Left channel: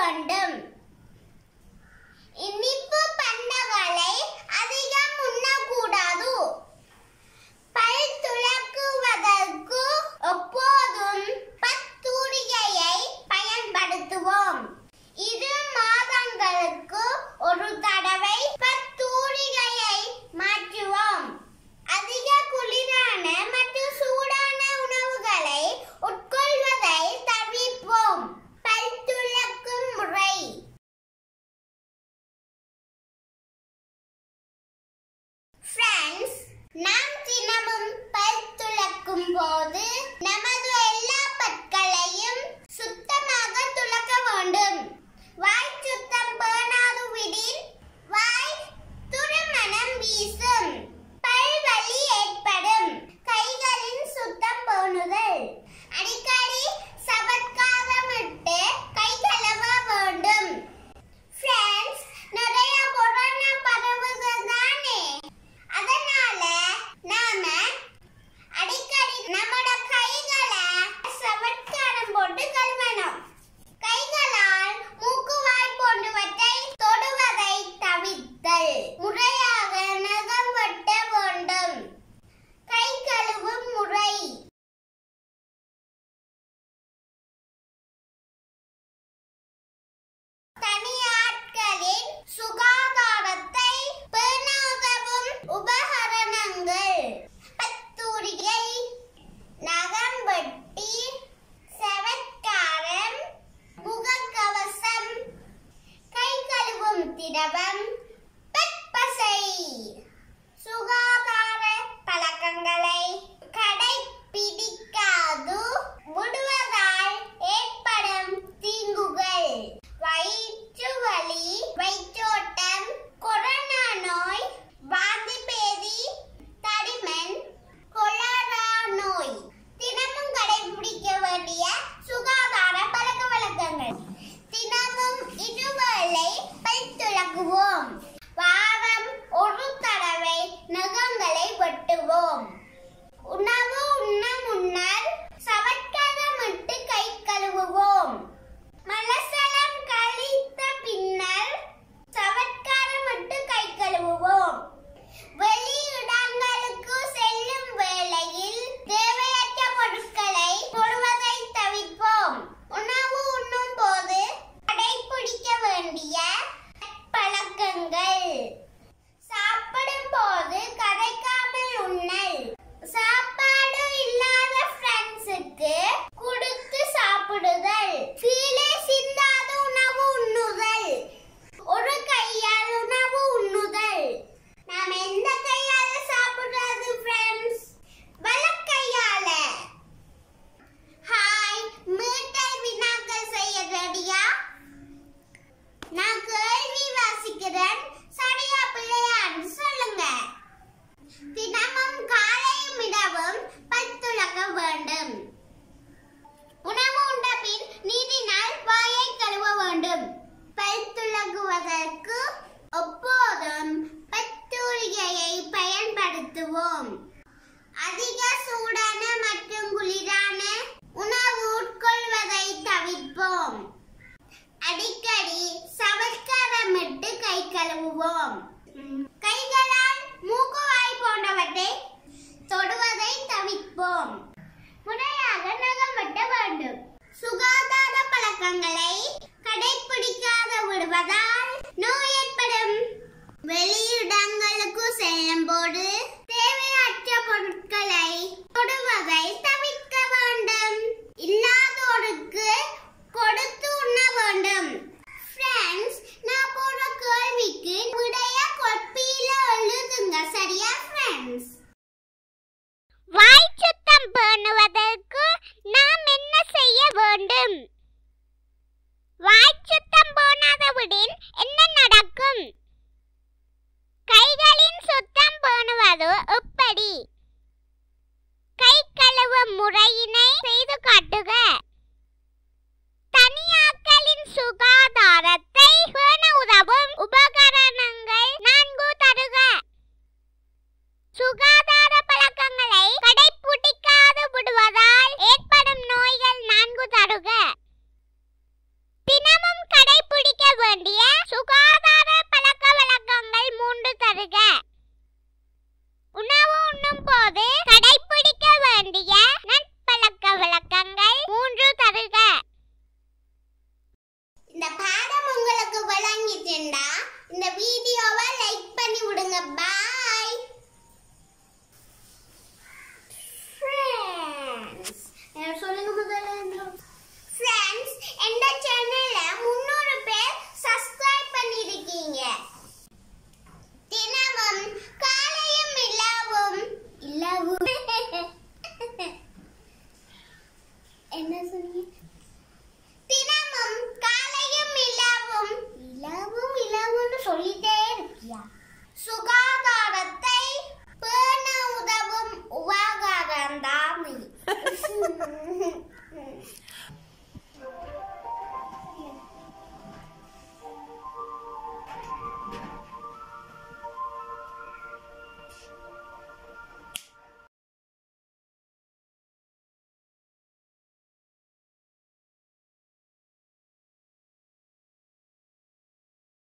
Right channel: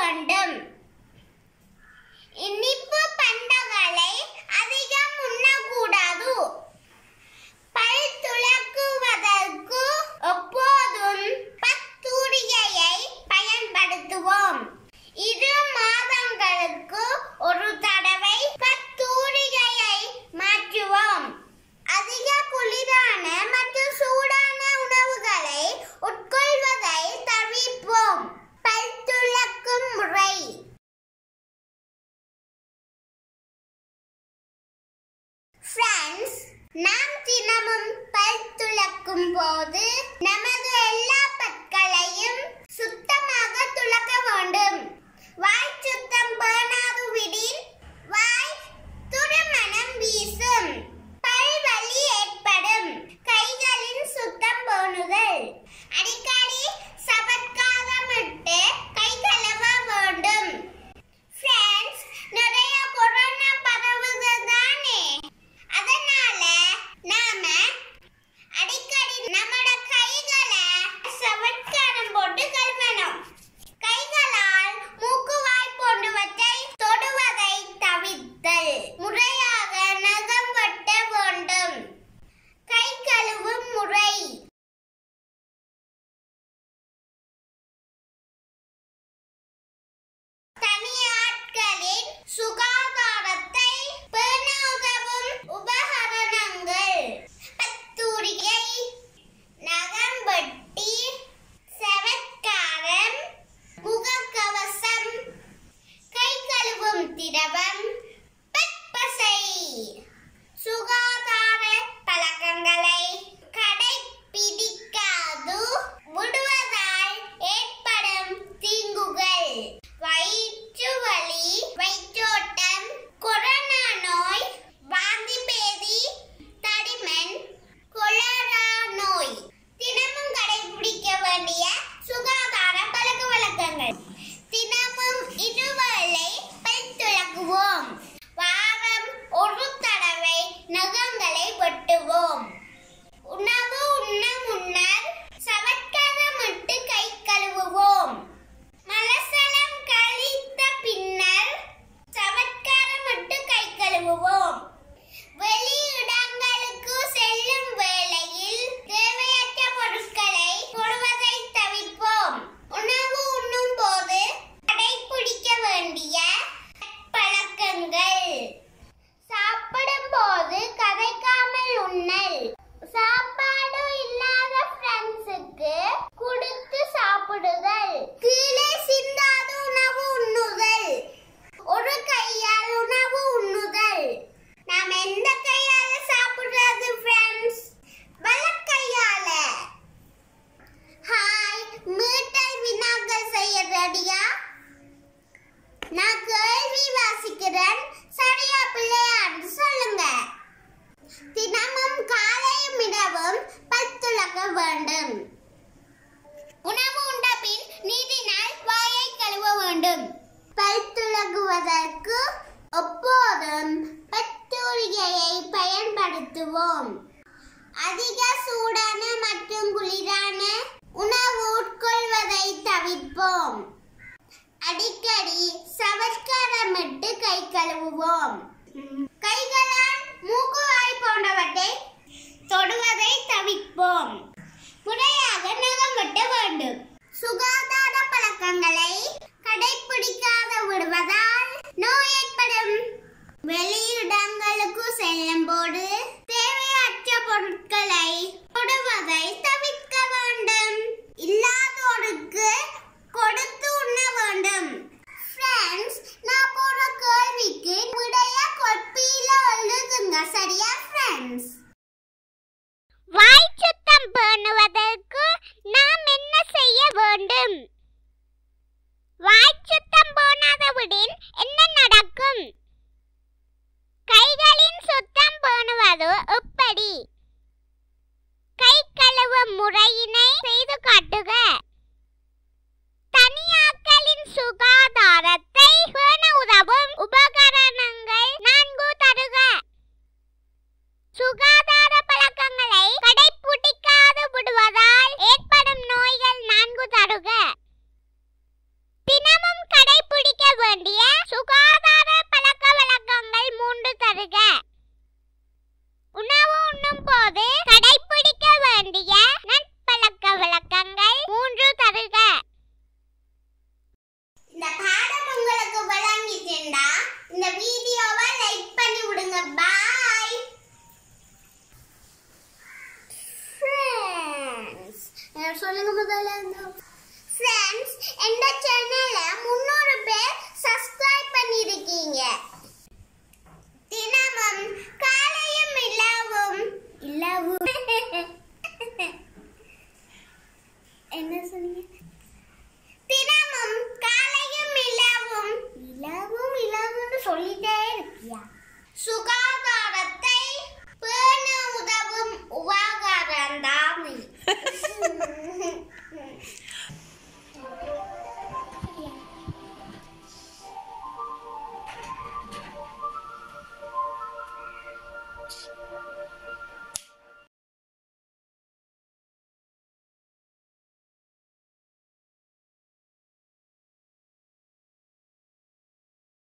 வேண்டும். இனிப்பு பண்டங்களை அதிகம் உண்ணக்கூடாது. பல் துலக்குவதற்கு எப்போதும் பத்தூரிகையை பயன்படுத்துவோம். 2 மாதங்களுக்கு ஒரு தடவை பத்தூரிகையை மாற்றுவோம். அதிக குளிரான மற்றும் சூடான உணவுகளை உட்கொள்வதை தவிர்ப்போம். பல் துலக்கும் முறை. ஃப்ரெண்ட்ஸ், நாம் தினமும் பல் துலக்கும் போது நமது எல்லா பற்களையும் சுத்தமாக துலக்க வேண்டும். வாய் சுத்தம் பேணாதுவிடின் வாய் துர்மணம் வீசும். பல் வலி ஏற்படும். கைகளின் சுத்தம் பேணுதல். அடிக்கடி சவட்காரமிட்டு கை கழுவ வேண்டும். ஃப்ரெண்ட்ஸ், நிறைய கொரோனா பரவுது தானே, அதனால நாம அடிக்கடி நம்மட கைகளை சவட்காரம் போட்டு கழுவணும். கைகளால் மூக்கு வாய் போன்றவற்றை தொடுவதை தவிர்த்தல். முறையாக நகம் வெட்ட வேண்டும். கை கழுவும் முறை. தனியாட்களின் சுகாதாரத்தை பேண உதவும் உபகரணங்கள். பத்தூரிகை, நகம் வெட்டி, செவட்காரம், முகக்கவசம், கை கழுவும் திரவம், பற்பசை. சுகாதார பழக்கங்களை கடைபிடிக்காது விடுவதால் ஏற்படும் தீங்குகள். வயிற்று வலி, வயிற்றோட்டம், கொரோனா நோய், வாந்தி பேதி, தடிமன், கொலரா நோய். தினமும் கடைபிடிக்க வேண்டிய சுகாதார பழக்க வழக்கங்கள். தினமும் 2 வேளை பல் துலக்குவோம். வாரம் ஒரு தடவை நகங்களை வெட்டுவோம். உணவு உண்ண முன்னர் சவட்காரமிட்டு கை கழுவுவோம். மலசலம் கழித்த பின்னர் சவட்காரமிட்டு கை கழுவுவோம். வெளியிடங்களுக்கு செல்லும் வேளையில் தேவையற்ற பொருட்களை தொடுவதை தவிர்ப்போம். உணவு உண்ணும் போது கடைபிடிக்க வேண்டிய பழக்கங்கள். சாப்பிடும் போது கதைக்காமல் உண்ணல். சாப்பாடு இல்லாத ஃப்ரெண்ட்ஸுக்கு கொடுத்து சாப்பிடுதல். கீழே சிந்தாத உணவு உண்ணுதல். ஒரு கையால் உணவு உண்ணுதல். நாம் எந்த கையால சாப்பிடுறது ஃப்ரெண்ட்ஸ்? வலக்கையால. ஹாய், மீட்டல் வினாக்கள் செய்ய ரெடியா? நான் கேள்வி வாசிக்கிறேன், சரியா பிள்ளையான்னு சொல்லுங்க. தினமும் காலையும் இரவும் பல் துலக்க வேண்டும். உணவு உண்ட பின் நீரினால் வாயை கழுவ வேண்டும். பல் துலக்குவதற்கு எப்போதும் பத்தூரிகையை பயன்படுத்துவோம். அதிக சூடான மற்றும் குளிரான உணவு உட்கொள்வதை தவிர்ப்போம். அடிக்கடி சவட்காரமிட்டு கை கழுவுவோம். கைகளால் மூக்கு வாய் போன்றவற்றை தொடுவதை தவிர்ப்போம். முறையாக நகம் வெட்ட வேண்டும். சுகாதார பழக்கங்களை கடைபிடிக்காத விடுவதால் நோய் ஏற்படும். வெளியிடங்களுக்கு செல்லும் போது தேவையற்ற பொருட்களை தொடுவதை தவிர்க்க வேண்டும். இல்லாதோருக்கு கொடுத்து உண்ண வேண்டும். ஃப்ரெண்ட்ஸ், நான் போற கேள்விக்கு விடைய கொப்பியில எழுதுங்க, சரியா ஃப்ரெண்ட்ஸ்? வாய் சுத்தம் பேணுவதற்கு நாம் என்ன செய்ய வேண்டும்? வாய் சுத்தம் இந்த வீடியோவை லைக் பண்ணி விடுங்க. Bye friends. சொல்லுங்க முதல்ல. ஃப்ரெண்ட்ஸ், இந்த சேனலை 300 பேர் சப்ஸ்கிரைப் பண்ணிருக்கீங்க. தினமும் காலையும் இலவும் என்ன சொன்னீங்க? தினமும் காலையும் இலவும் சொல்லிட்டே இருக்கியா? சுகா